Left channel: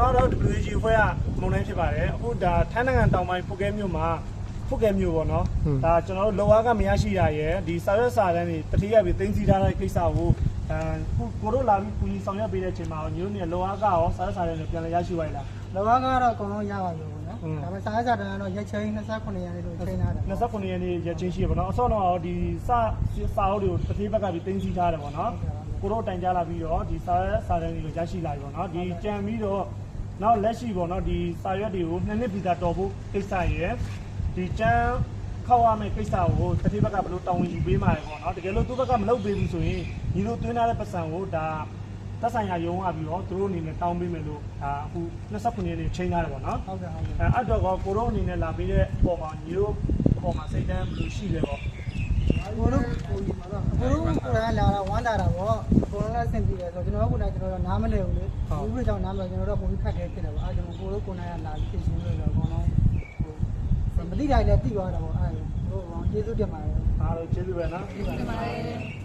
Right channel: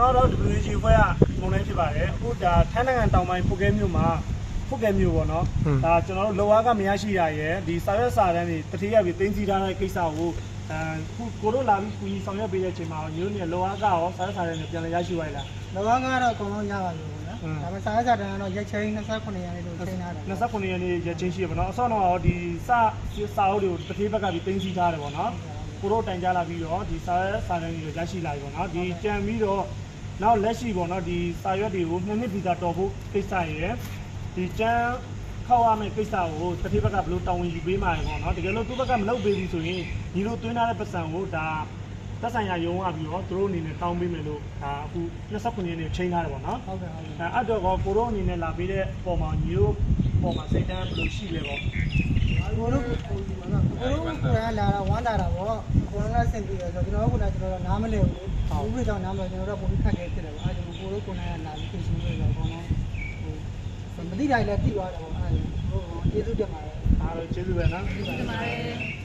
နောက်တော့ WG ဖွဲ့ကမုံတိုင်းဖြစ်ပါတယ်အခုဒါထိုင်းနိုင်ငံတောင်ပိုင်းဖုတ်ကဲမြို့မှာဖုတ်ကဲမြို့ပေါ့နော်ဒါကျွန်တော်တို့လောအားကမရရှိတာရယ်ဒီစာရွက်စာတမ်းတွေတတိယပြီးတင်းစီထားတဲ့ကိစ္စကိုခုကိုတို့လာပြီးကူညီဆောင်ရွက်ပေးတဲ့အချိန်မှာမျိုးနဲ့လောအားကရောစာရွက်စာတမ်းတွေပြန်လည်ရရှိသွားလား လောကကတော့အကုန်လုံးရပါပြီပေါ့နော်ဒါပေမဲ့စာရေးစာတန်းကတော့ရက်ချင်း29ရက်နေ့လို့ချိန်ထားတယ်29ရက်နေ့ရက်ချင်းရှိရပါတော့အစောတော့ဒီစာအုပ်တွေကိုတစ်သေးဘက်ကပြီးတင်းစီထားတယ်ပေါ့နော်ကိုတို့တိုင်ကြလာပြီးတော့ဒီစာရွက်စာတမ်းတွေရရှိလာပြီပေါ့နော်ဒီကြံပြီးတော့နောက်လက်ရှိပေါ့နော်ဒီစာရွက်တွေကို2နှစ်ဗီဇာတော်ဖို့ကိစ္စရယ်ဒီတန်းခောက်ရမယ့်ကိစ္စကိုတစ်သေးဘက်ကဘယ်လိုတောင်းဝင်ယူပေးမှာလဲပေါ့နော်တကယ်လို့သူ့ဘက်ကမလုပ်ပေးဘူးဆိုရင်ညီတို့တွင်းထားတဲ့ပတ်စံကိုဒါသက်ဆိုင်ရာရုံးကပြီးတော့သူတို့အနေနဲ့တောင်းပေးမယ်လို့အခု29ရက်နေ့ချိန်ထားတယ်ပေါ့နော်ဟုတ်ကဲ့အဲ့တော့ကိုတို့အနေနဲ့လာပေးတဲ့ပုံမှာညီတို့ပုံမှာစိတ်တမ်းဘယ်လိုရှိလဲပေါ့ကိုတို့ကိုယ်ကလာတာဝမ်းတာတာပေါ့အကုန်လုံးကစင်ပြီးတယ်ဆိုတော့ကျွန်တော်နားမလဲဘူးလေဘူးပြကြောင့်နားမလဲကျွန်တော်တို့ပုံပြီးခက်ခဲဖြစ်တယ်ပေါ့အဲကျွန်တော်ကိုတို့ကိုနိုင်ကလာပြီးပြင်ဆင်လို့ဆိုတော့အကုန်လုံးဟိုမတိတိုင်းလည်းတိသွားတာပေါ့အဲဟိုကျေးဇူးတင်ပါတယ်အားလုံးကျေးဇူးပဲနော်တင်ပါတယ်